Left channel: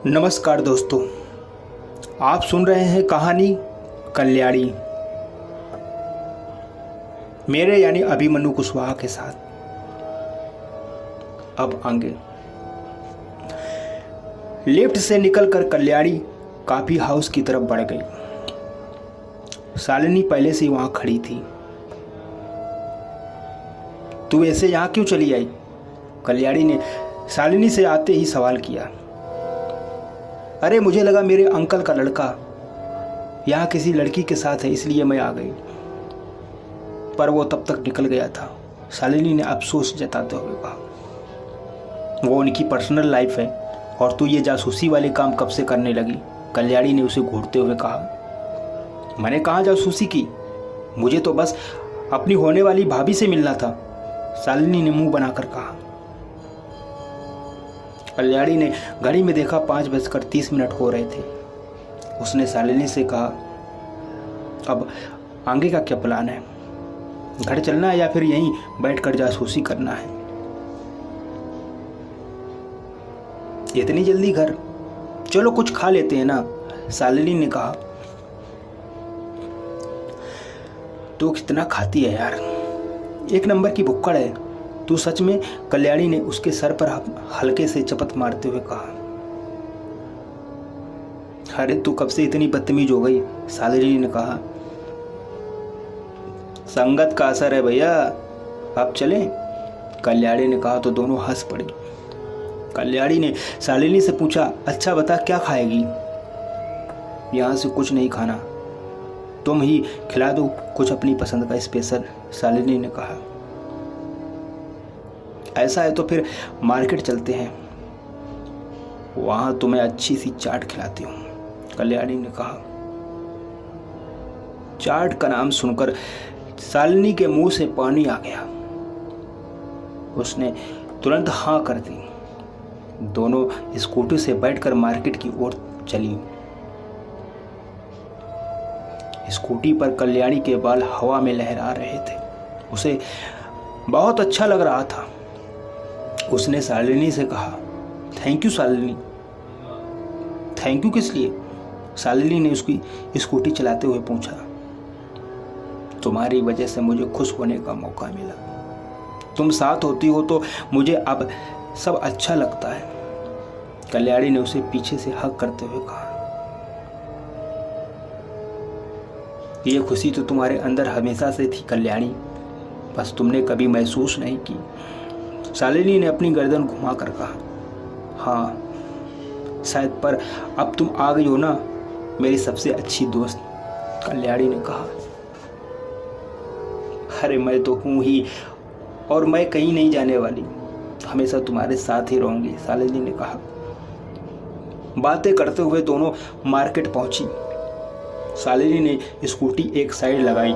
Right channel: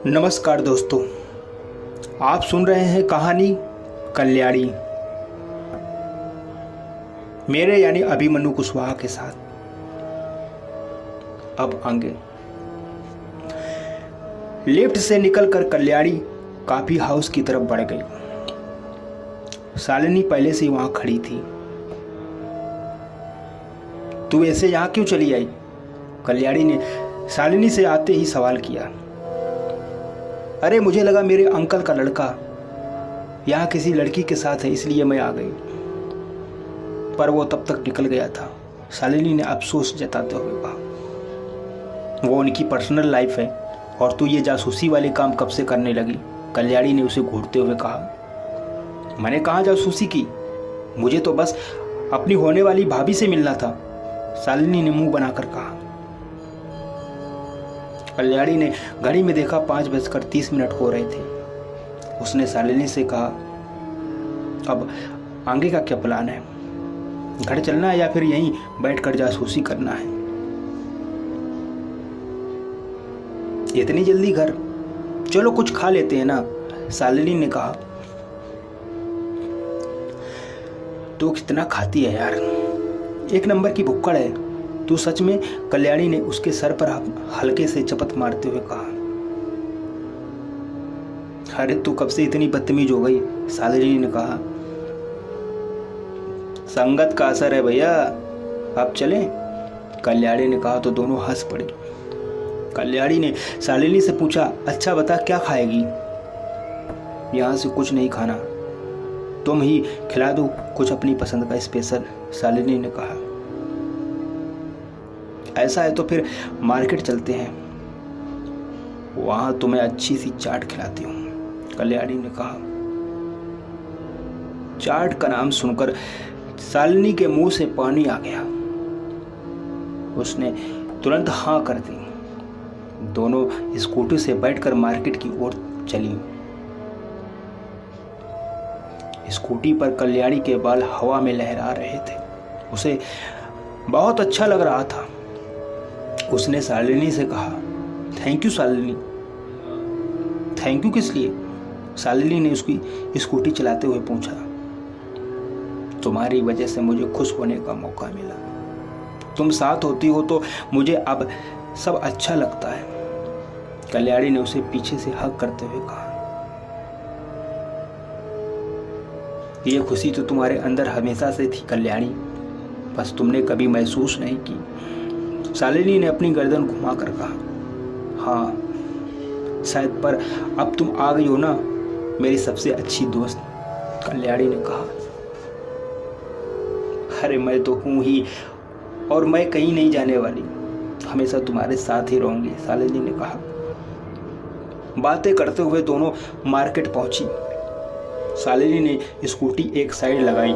नमस्कार दोस्तों, आप सुन रहे हैं कहानी कल्याणी, मेरे यानी अभिमन्यु कुशवाहा के साथ। अब आगे लिफ्ट से निकलकर कल्याणी कॉफी हाउस की तरफ बढ़ गई। शालिनी पहले से ही वहां खड़ी थी। तू ऐसे यहां क्यों चली आई? कल्याणी ने शालिनी से आते ही सवाल किया। अरे मुझे लगा मेरे अंकल का लड़का यहाँ किसी लड़की के साथ है, इसलिए मैं आ गई, पर वो तब तक निकल गया था। शालिनी ने अफसोस जताते हुए कहा। वो उनकी पर्सनल लाइफ है और तू ये जासूसी वाले काम कब से करने लगी? कल्याणी ने उसे घूरते हुए कहा। मैंने कहाँ जासूसी की? मुझे तो बस अपनी होने वाली भाभी से मिलना था, शालिनी ने मुंह बनाकर कहा। कल्याणी ने घड़ी में देखा 5:30 हो रहे थे। उसने शालिनी से कहा, अब आगे का क्या प्लान है? घर चलना है या फिर यहीं बैठकर जासूसी करना है? इतनी जल्दी घर? चलो कुछ खा लेते हैं ना, शालिनी ने कहा। तू कितना खाती है यार, एक नंबर की भुक्कड़ है तू सच में, कल्याणी ने उसके सर पर हल्के से चपत मारते हुए कहा। अरे तू कब से इतनी बदतमीज हो गई? शालिनी ने कहा। संगत का असर है भैया, आप चले? कल्याणी ने कहा तो दोनों हंस पड़े। कल्याणी ने शालिनी से पूछा, अच्छा बता क्या खाएगी? यहां से कुछ नहीं खाना, तुम ही खिला दो कुछ अपनी पसंद का स्पेशल, शालिनी ने कहा। ऐसा है तो फिर मार्केट चलते हैं, वहां तुम्हें अच्छी सी चाट खिलाती हूं, कल्याणी ने कहा। चाट का नाम सुनकर शालिनी के मुंह से पानी आ गया। उसने तुरंत हाँ कर दी। दोनों स्कूटी से बैठकर मार्केट की ओर चली। स्कूटी पर कल्याणी के बाल हवा में लहरा रहे थे। उसे बहुत अच्छा लग रहा था। उसने शालिनी से कहा, thank you Shalini. Thank you किस लिए? शालिनी ने उसकी स्कूटी चलाते हुए पूछा। तुम्हारी वजह से मुझे खुश होने का मौका मिला। तुम साथ होती हो तो मुझे अब सब अच्छा लगता है, कल्याणी ने उसे पीछे से हक करते हुए कहा। यह खुशी तो तुम्हारे अंदर हमेशा से थी कल्याणी, बस तुमने कभी महसूस नहीं की, शालिनी ने अपनी गर्दन घुमाकर कहा। हाँ शायद, पर अब तुम आ गई हो ना मेरी सबसे अच्छी दोस्त, कल्याणी ने कहा। अरे मैं तो हूं ही और मैं कहीं नहीं जाने वाली, हमेशा तुम्हारे साथ ही रहूंगी, शालिनी ने कहा। बातें करते हुए दोनों मार्केट पहुंची। शालिनी ने स्कूटी एक साइड लगाई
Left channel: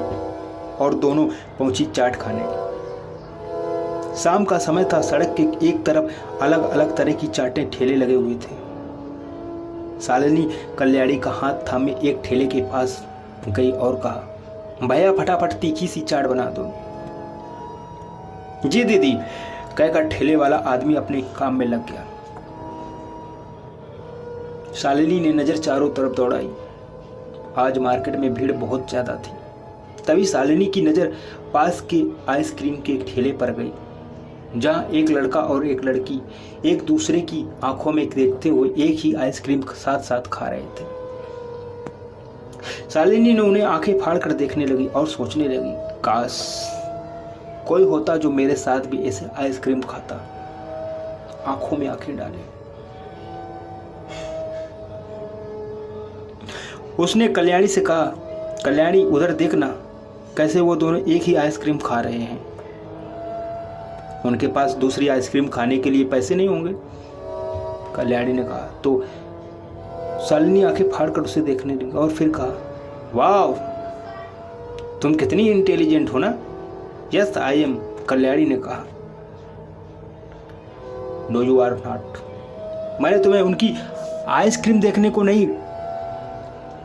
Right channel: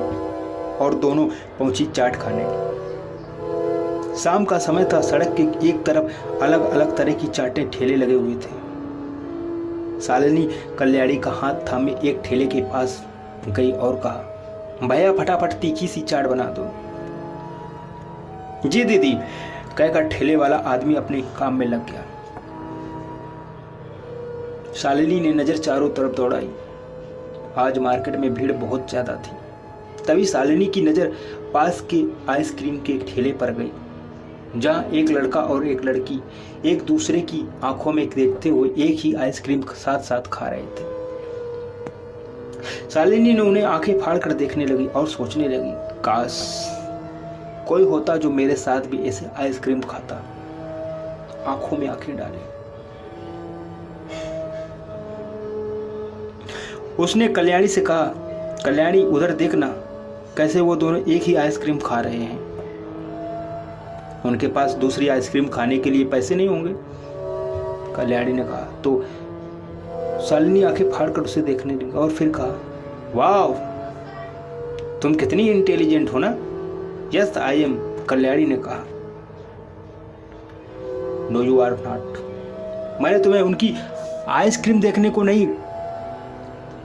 और दोनों पहुंची चाट खाने। शाम का समय था। सड़क के एक तरफ अलग अलग तरह की चाटें ठेले लगे हुए थे। शालिनी कल्याणी का हाथ थामे एक ठेले के पास गई और कहा, भैया फटाफट तीखी सी चाट बना दो। जी दीदी, कहकर ठेले वाला आदमी अपने काम में लग गया। शालिनी ने नजर चारों तरफ दौड़ाई। आज मार्केट में भीड़ बहुत ज्यादा थी। तभी शालिनी की नजर पास के आइसक्रीम के एक ठेले पर गई, जहां एक लड़का और एक लड़की एक दूसरे की आंखों में देखते हुए एक ही आइसक्रीम साथ साथ खा रहे थे। शालिनी ने उन्हें आंखें फाड़कर देखने लगी और सोचने लगी, काश कोई होता जो मेरे साथ भी ऐसे आइसक्रीम खाता, आंखों में आंखें डाले। उसने कल्याणी से कहा, कल्याणी उधर देखना, कैसे वो दोनों एक ही आइसक्रीम खा रहे हैं। उनके पास दूसरी आइसक्रीम खाने के लिए पैसे नहीं होंगे, कल्याणी ने कहा। तो शालिनी आंखें फाड़कर उसे देखने लगी और फिर कहा, वाह तुम कितनी इंटेलिजेंट हो ना। यस आई एम, कल्याणी ने कहा। No you are not. मैंने तुम्हें उनकी आइसक्रीम देखने को नहीं,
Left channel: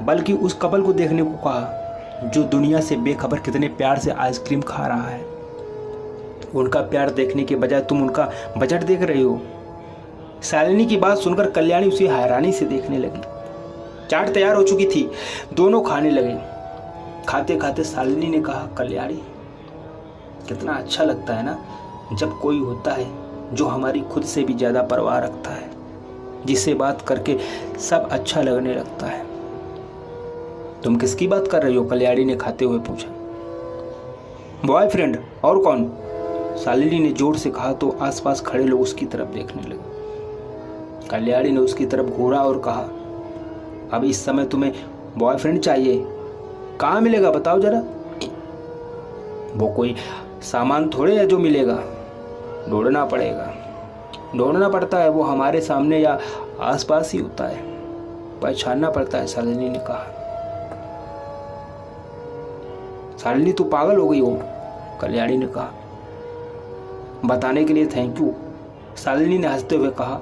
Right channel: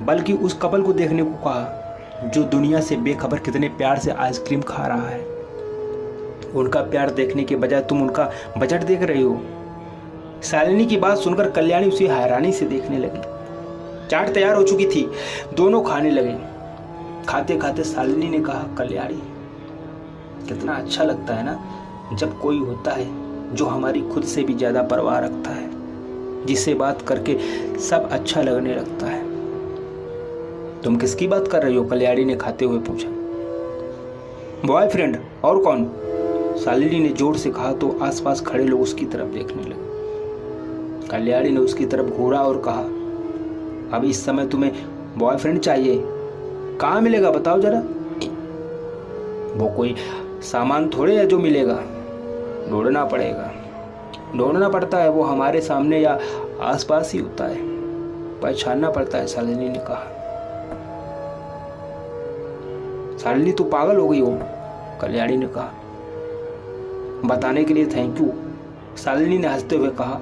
बल्कि उस कपल को देखने को कहा जो दुनिया से बेखबर कितने प्यार से आइसक्रीम खा रहा है। उनका प्यार देखने के बजाय तुम उनका बजट देख रही हो। शालिनी की बात सुनकर कल्याणी उसे हैरानी से देखने लगी। चाट तैयार हो चुकी थी, दोनों खाने लगे। खाते खाते शालिनी ने कहा, कल्याणी कितना अच्छा लगता है ना जब कोई होता है जो हमारी खुद से भी ज्यादा परवाह रखता है, जिससे बात करके सब अच्छा लगने लगता है। तुम किसकी बात कर रही हो? कल्याणी ने खाते हुए पूछा। बॉयफ्रेंड, और कौन? शालिनी ने जोर से कहा तो आसपास खड़े लोग उसकी तरफ देखने लगे। कल्याणी ने उसकी तरफ घूरा और कहा, अब इस समय तुम्हें बॉयफ्रेंड चाहिए? कहाँ मिलेगा बताओ जरा। वो कोई सामान थोड़े है जो मिलेगा, ढूंढना पड़ेगा। ढूंढना पड़ता है, वो हमारे सामने या आसपास ही होता है, पहचानना पड़ता है, शालिनी ने कहा। शालिनी तो पागल हो गई हो, कल्याणी ने कहा। बताने के लिए थैंक यू, शालिनी ने हंसते हुए कहा।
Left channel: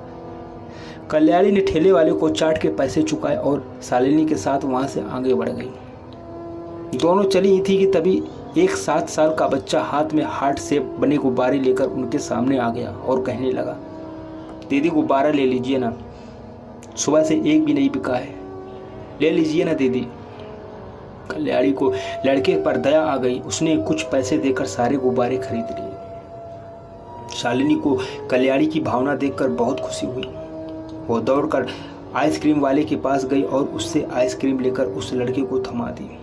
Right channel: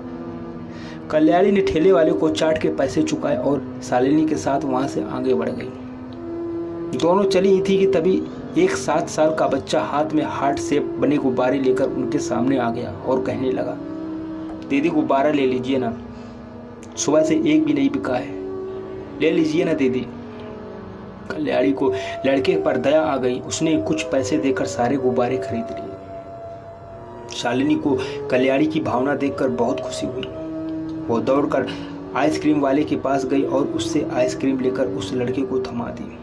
कल्याणी ने ठेले वाले को चाट के पैसे चुकाए और शालिनी के साथ वहां से आगे बढ़ गई। दोनों चली ही थी कि तभी एक 7 साल का बच्चा हाथ में हार्ट शेप बने गुब्बारे लेकर उनके सामने आ गया और कहने लगा, दीदी गुब्बारा ले लीजिए ना, सुबह से एक भी नहीं बिका है, ले लीजिए ना दीदी। कल्याणी को लड़के पर दया आ गई, उसने कुछ पैसे देकर सारे गुब्बारे खरीद लिए। शालिनी को कल्याणी की भावना देखकर बहुत खुशी हुई। वो दौड़कर आइसक्रीम वाले के पास गई और उससे आइसक्रीम लेकर उस लड़के को थमा दी।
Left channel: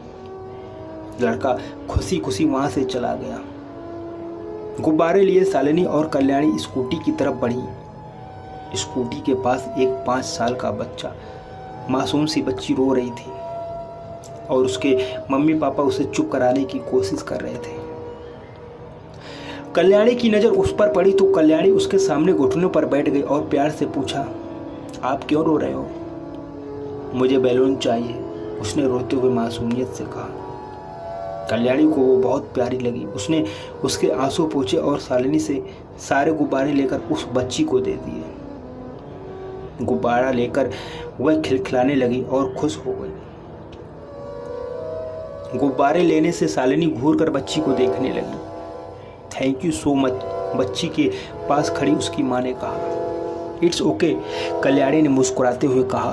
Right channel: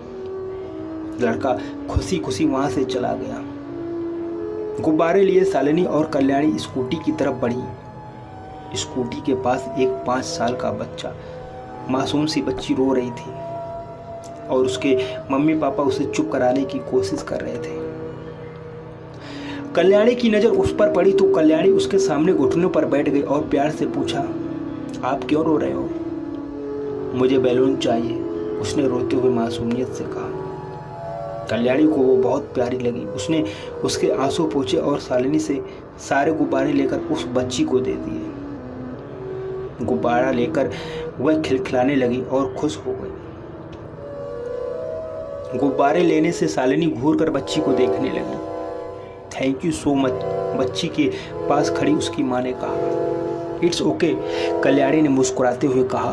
लड़का खुशी खुशी वहां से चला गया। गुब्बारे लिए शालिनी और कल्याणी स्कूटी की तरफ बढ़ी। स्कूटी के पास एक 5 साल का बच्चा, मासूम सी बच्ची रो रही थी और उसके मम्मी पापा उसे चुप कराने की कोशिश कर रहे थे। कल्याणी की नजर उस पर पड़ी तो कल्याणी उसके सामने घुटनों पर बैठ गई और प्यार से पूछा, आप क्यों रो रहे हो? मुझे बैलून चाहिए, उसने रोते हुए मासूमियत से कहा। कल्याणी को वो बहुत प्यारी लगी। उसने उसके आंसू पोंछे और शालिनी से सारे गुब्बारे लेकर उस बच्ची को दे दिए। गुब्बारा लेकर वह खिलखिलाने लगी और खुश हो गई। गुब्बारे लेने से शालिनी घूर कर बच्ची को देखने लगी। थैंक यू सो मच, बच्ची के पास खड़ी उसकी माँ ने कहा। इट्स ओके, कल्याणी ने मुस्कुराते हुए कहा।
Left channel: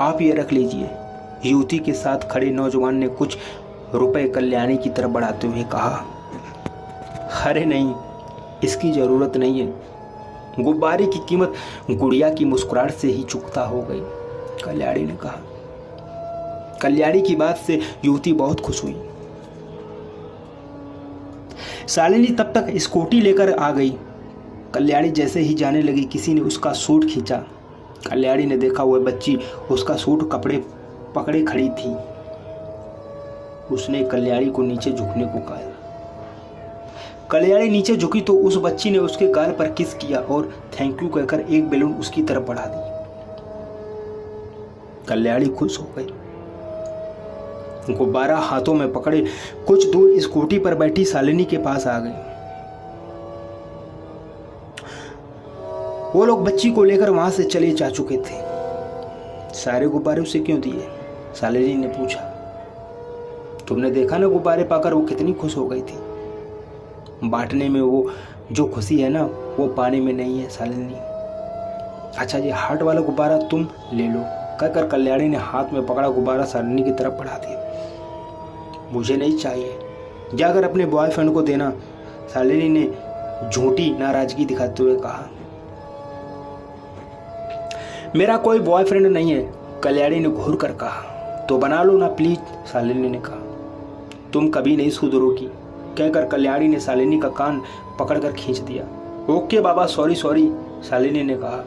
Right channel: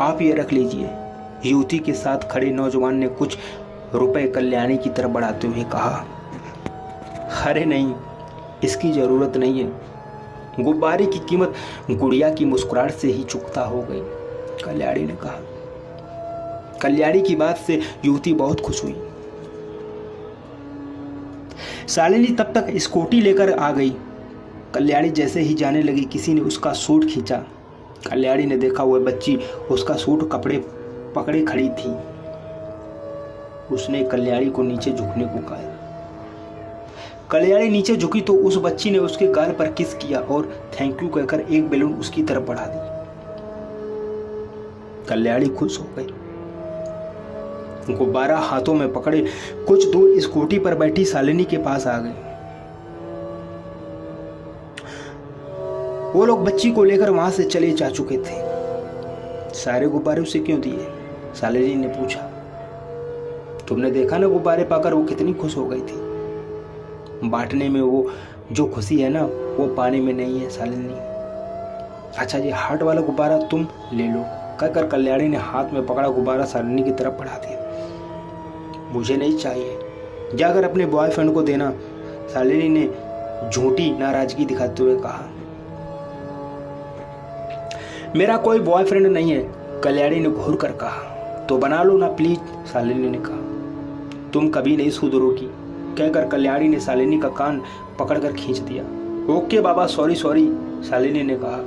आप ये रख लीजिए। युवती के साथ खड़े नौजवान ने कुछ रुपए कल्याणी की तरफ बढ़ाते हुए कहा। अरे नहीं, इसकी जरूरत नहीं है। गुब्बारे की कीमत गुड़िया की मुस्कुराहट से ही चुकता हो गई, कल्याणी ने कहा। कल्याणी की बात से युवती बहुत खुश हुई। शालिनी तब तक स्कूटी लेकर आ गई। कल्याणी जैसे ही जाने लगी, किसी ने उसका सूट खींचा। कल्याणी ने देखा वह बच्ची उसका सूट कपड़े पकड़े खड़ी थी। उसने कल्याणी को नीचे झुकने को कहा। कल्याणी नीचे झुकी तो उस बच्ची ने उसके गाल पर किस किया और थैंक यू कहकर एक बैलून उसकी तरफ बढ़ा दी। कल्याणी खुश हो गई। गुब्बारा हाथों में पकड़े कुछ दूर स्कूटी पर बैठी शालिनी के पास आ गई। वो लोग बच्ची को लेकर वहां से चले जा चुके थे। सारे गुब्बारे उसे क्यों दिए? शालिनी ने पूछा। तुमने देखा ना गुब्बारे पाकर वो कितनी खुश हो गई थी। बांटने में वो जो खुशी है ना, वो पाने में नहीं है शालिनी। अच्छा ये हार्ट वाला गुब्बारा तुम ले लो, कहकर कल्याणी ने हाथ में पकड़ा गुब्बारा शालिनी की तरफ बढ़ा दिया। मुझे नहीं चाहिए, जाकर अपने बॉयफ्रेंड को देना, शालिनी ने झूठी नाराजगी दिखाते हुए कहा। मेरा कोई बॉयफ्रेंड नहीं है, कल्याणी ने घूर कर कहा। तो बना लो ना प्लीज, शालिनी ने कहा। तुम कभी नहीं सुधरोगी, कहकर कल्याणी ने शालिनी का कान पकड़कर खींच दिया। ओके बाबा, सॉरी सॉरी, शालिनी ने कहा।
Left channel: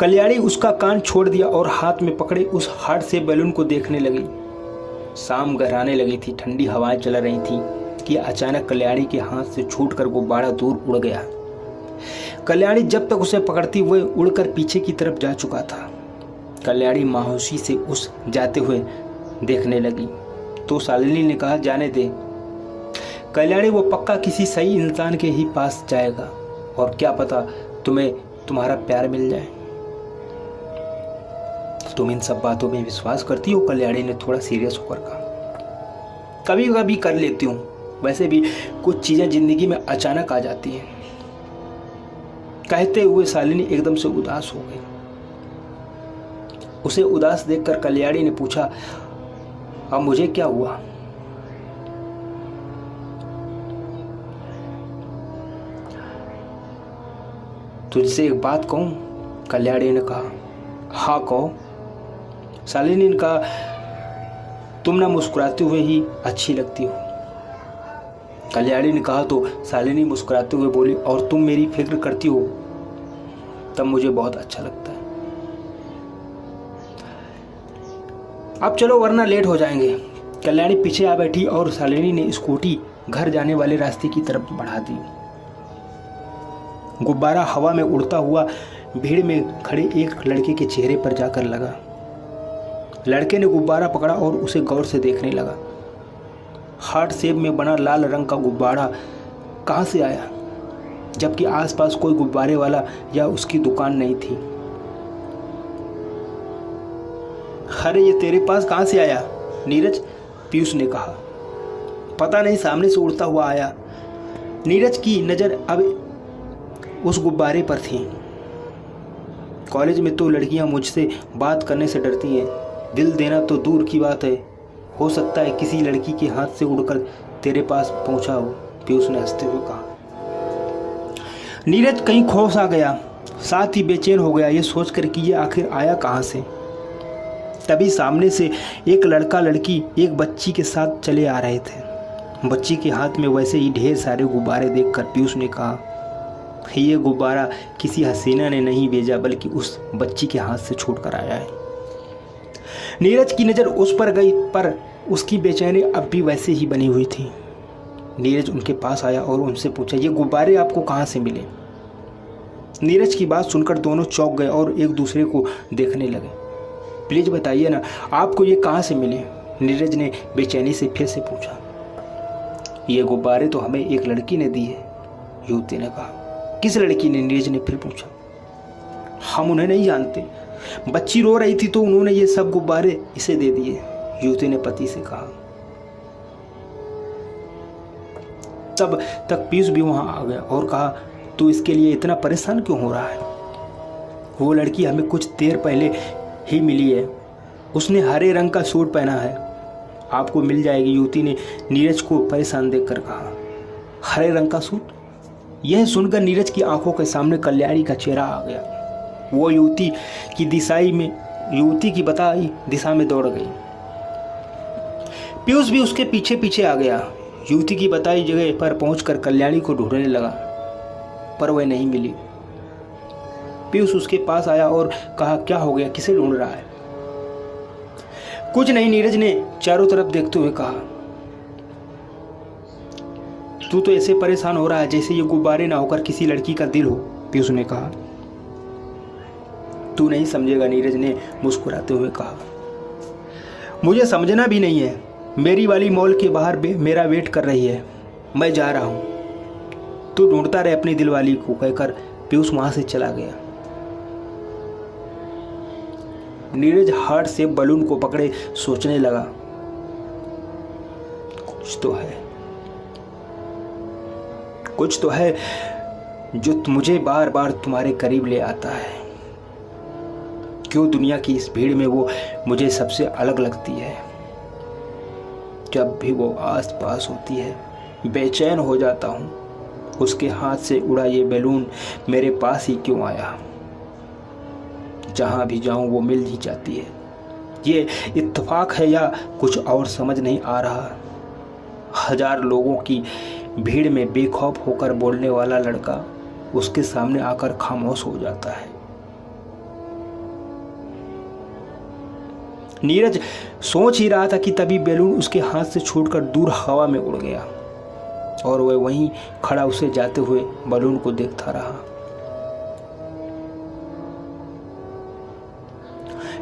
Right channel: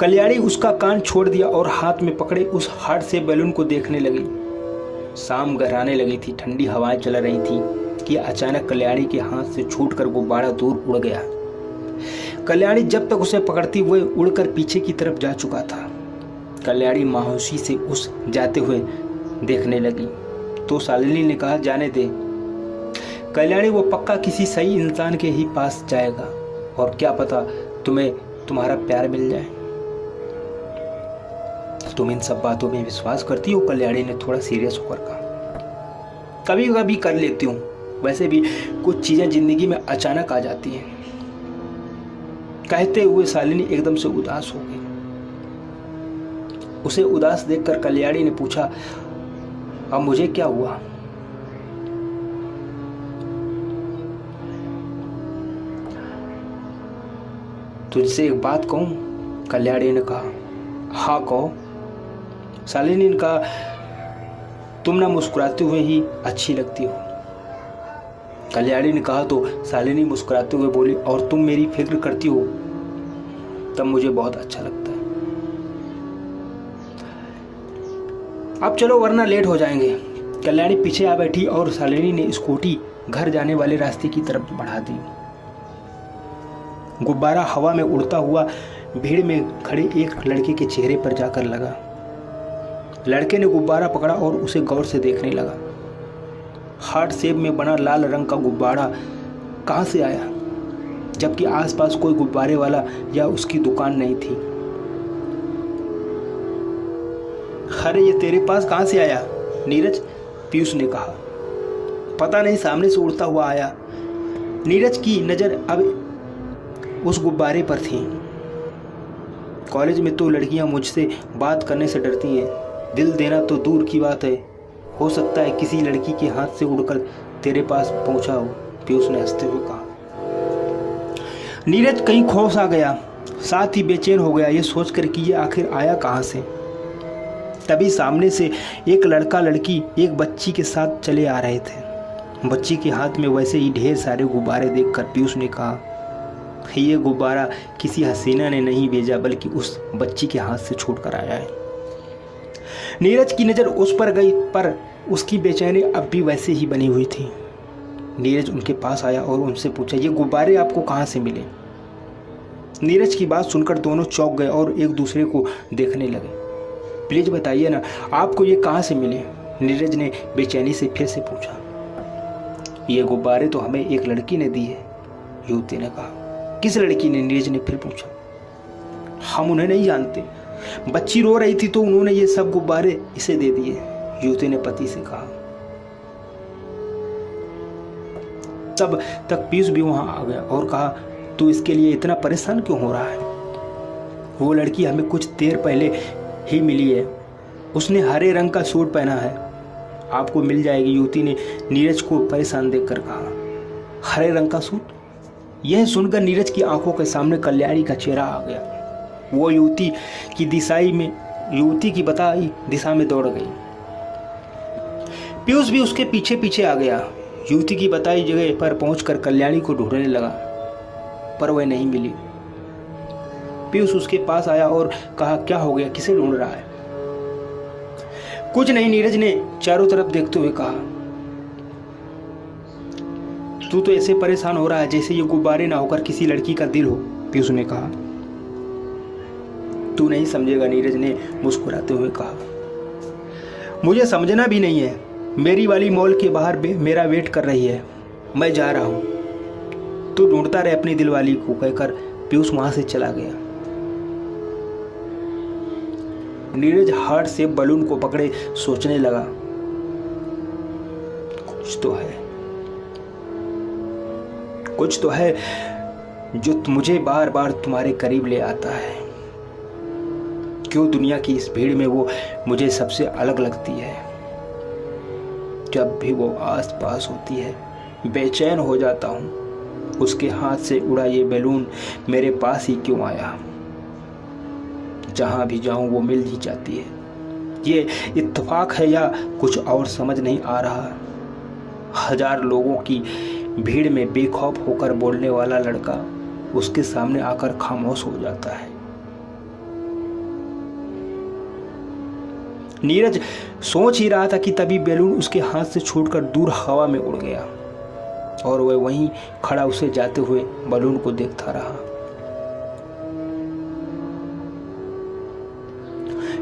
कल्याणी उसका कान छोड़ दिया और हाथ में पकड़े उस हार्ट से बैलून को देखने लगी। शाम गहराने लगी थी, ठंडी हवाएं चल रही थी कि अचानक कल्याणी के हाथ से छूटकर गुब्बारा दूर उड़ गया। कल्याणी जब तक उसे पकड़ती वह उड़कर पीछे की तरफ जा चुका था। कल्याणी मायूसी से उस जाते हुए देखने लगी तो शालिनी ने कहा, जाने दे कल्याणी, वो पक्का किसी सही इंसान के ही पास जाएगा और क्या पता तुम्हें तुम्हारा प्यार मिल जाए। तुम इन सब बातों में विश्वास करती हो? कल्याणी ने थोड़ा सीरियस होकर कहा। कभी कभी कर लेती हूँ, वैसे भी कुछ चीजें जिंदगी में अचानक आ जाती हैं। कहते हुए शालिनी एकदम से उदास हो गई। उसे उदास देखकर कल्याणी ने पूछा, अब मुझे क्या हुआ? तुझसे एक बात कहूं? कल्याणी ने कहा। हाँ कहो। शालिनी ने कहा, तुम ना मुस्कुराते हुए ही अच्छी लगती हो। कल्याणी ने कहा तो शालिनी मुस्कुराते हुए बोली, और तुम मेरी फिक्र करती हो तब मुझे बहुत अच्छा लगता है। अब चलो वरना लेट हो जाएंगे। कल्याणी पीछे आ बैठी और शालिनी ने स्कूटी घर जाने वाले रास्ते की तरफ बढ़ा दी। गुब्बारा हवा में उड़ता हुआ भीड़ में खड़े एक लड़के के चेहरे पर जाकर लगा। लड़के ने गुब्बारा पकड़ा और उसे गौर से देखने लगा। हार्ट शेप में बना लाल रंग का गुब्बारा कहां से आया, जबकि आसपास कोई गुब्बारे वाला या उसकी दुकान नहीं थी। अरे ये तेरे पास कहां से आया नीरज? पीयूष ने कहा। पता नहीं, सामने से उड़ता हुआ आया। नीरज की नजर अब उस गुब्बारे पर थी। कॉलेज में तो लड़कियां मुझसे बात करने से डरती हैं, दिल देना तो दूर की बात है। हो सकता है किसी लड़की के हाथ से उड़कर तेरे पास पहुंचा हो, पीयूष ने हंसते हुए कहा। नीरज कहीं खौफ आ गया, साथ ही बेचैन हो गया, ये सोचकर कि ये आखिर आया कहां से। तभी सामने से एक लड़का लड़की एक बच्ची के साथ चले आ रहे थे। बच्ची के हाथ में वैसे ही ढेर सारे गुब्बारे देखकर पीयूष ने कहा, ये गुब्बारा किसी हसीना ने नहीं भेजा, बल्कि उस बच्ची के हाथ से छूट कर आया है। नीरज की नजर उस पर गई, पर उसकी बेचैनी अब भी वैसे ही बनी हुई थी। नीरज उनके पास आया और उनसे पूछा, ये गुब्बारे आपको कहां से मिले? नीरज की बात सुनकर दोनों चौंक गए और एक दूसरे को देखने लगे। प्लीज बताइए ना, आपको ये कहां से मिले? नीरज ने बेचैनी से फिर से पूछा। ये गुब्बारे तो हमें एक लड़की ने दी है, युवती ने कहा। किस लड़की ने? नीरज ने फिर पूछा। हम उन्हें नहीं जानते, बच्ची रो रही थी तो उन्होंने ये सब गुब्बारे इसे दे दिए, युवती ने पति से कहा। तब तक पीयूष भी वहां आ गया और कहा, तू इसके लिए इतना परेशान क्यों हो रहा है? वो लड़की हमें कुछ देर पहले ही मिली है, उसने हरे रंग का सूट पहना है, आपको मिल जाएगी, युवती ने नीरज को परेशान देखकर कहा। हरे रंग का सूट? यह सुनकर नीरज की आंखों के सामने कल्याणी का चेहरा आ गया। वो युवती की बताई दिशा में दौड़ गई। पीयूष भी उसके पीछे पीछे आ गया। युवती की बताई जगह पर पहुंचकर कल्याणी को ढूंढने लगा, पर वह नहीं मिली। पीयूष उसके पास आया और कहा, क्या हो गया, किसे ढूंढ रहा है? कुछ नहीं, नीरज ने चारों तरफ देखते हुए कहा। तू तो ऐसे परेशान हो रहा है जैसे ये गुब्बारे ना होकर किसी लड़की का दिल हो, पीयूष ने कहा। तू नहीं समझेगा, नीरज ने मुस्कुराते हुए कहा। मुझे समझना भी नहीं है, मेरी वाली मॉल के बाहर मेरा वेट कर रही है, मैं जा रहा हूं, तू ढूंढता रहे अपनी दिलवाली को, कहकर पीयूष वहां से चला गया। नीरज हार्ट से बलून को पकड़े सोचने लगा, कुछ तो है जो मुझे बार बार तुम्हारे करीब ले आता है। क्यों दुनिया की इस भीड़ में वो मुझे सबसे अलग लगती है। जब भी वो आस पास होती है बेचैन हो जाता हूँ, उसके हाथ से उड़ा ये बैलून मेरे पास ही क्यों आया। जहां भी जाऊं वो मिल ही जाती है। ये इत्तेफाक है या कुछ और समझ नहीं आ रहा। हजार लोगों की भीड़ में बेखौफ होकर बोलने वाला लड़का उसके सामने आकर खामोश हो जाता है। नीरज सोच ही रहा था कि तभी बैलून उसके हाथ से छूटकर दूर हवा में उड़ गया और वह वहीं खड़ा उसे जाते हुए बैलून को देखता रहा।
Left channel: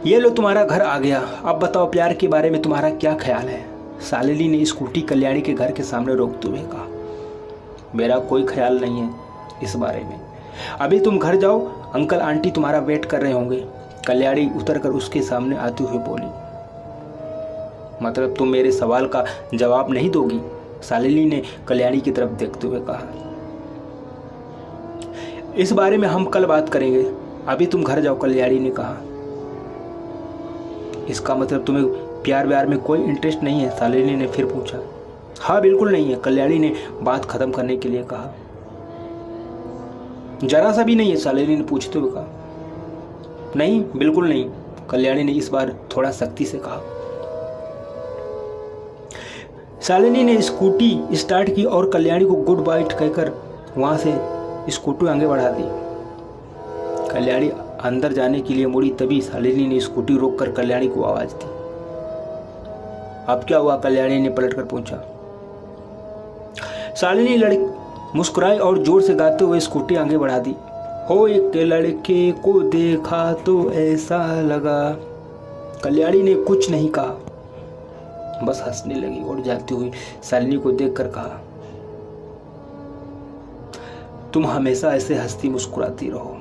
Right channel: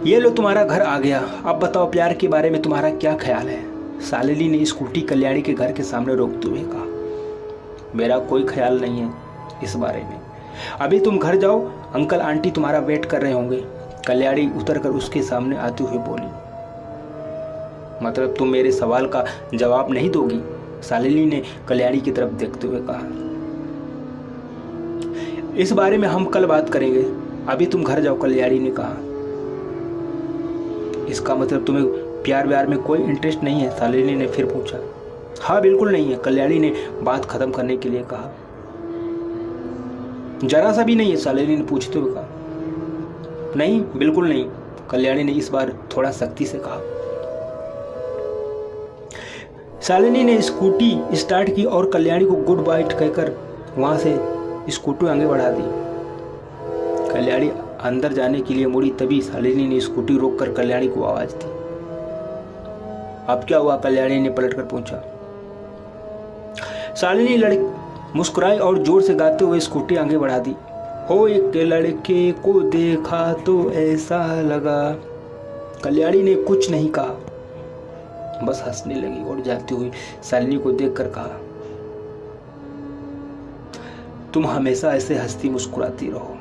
ये लो तुम्हारा घर आ गया, अब बताओ प्यार के बारे में तुम्हारा क्या ख्याल है। शालिनी ने स्कूटी कल्याणी के घर के सामने रोकते हुए कहा। मेरा कोई ख्याल नहीं है इस बारे में, अभी तुम घर जाओ, अंकल आंटी तुम्हारा वेट कर रहे होंगे। कल्याणी उतरकर उसके सामने आते हुए बोली। मतलब तुम मेरे सवाल का जवाब नहीं दोगी? शालिनी ने कल्याणी की तरफ देखते हुए कहा, इस बारे में हम कल बात करेंगे, अभी तुम घर जाओ, कल्याणी ने कहा। इसका मतलब तुम्हें प्यार व्यार में कोई इंटरेस्ट नहीं है? शालिनी ने फिर पूछा। हाँ बिल्कुल नहीं है, कल्याणी ने बात खत्म करने के लिए कहा। जरा सा भी नहीं है? शालिनी ने पूछते हुए कहा। नहीं बिल्कुल नहीं, कल्याणी ने इस बार थोड़ा सख्ती से कहा। शालिनी ने स्कूटी स्टार्ट की और कल्याणी को गुड बाय कहकर वहां से स्कूटी आगे बढ़ा दी। कल्याणी अंदर जाने के लिए मुड़ी, तभी शालिनी ने स्कूटी रोककर कल्याणी को आवाज दी। अब क्या हुआ? कल्याणी ने पलटकर पूछा। शालिनी मुस्कुराई और जोर से गाते हुए स्कूटी आगे बढ़ा दी। हो एक लड़के को देखा तो ऐसा लगा। कल्याणी ने कुछ नहीं कहा, बस हंसने लगी और जाती हुई शालिनी को देखकर कहा, तुम हमेशा ऐसे हंसती मुस्कुराती रहो।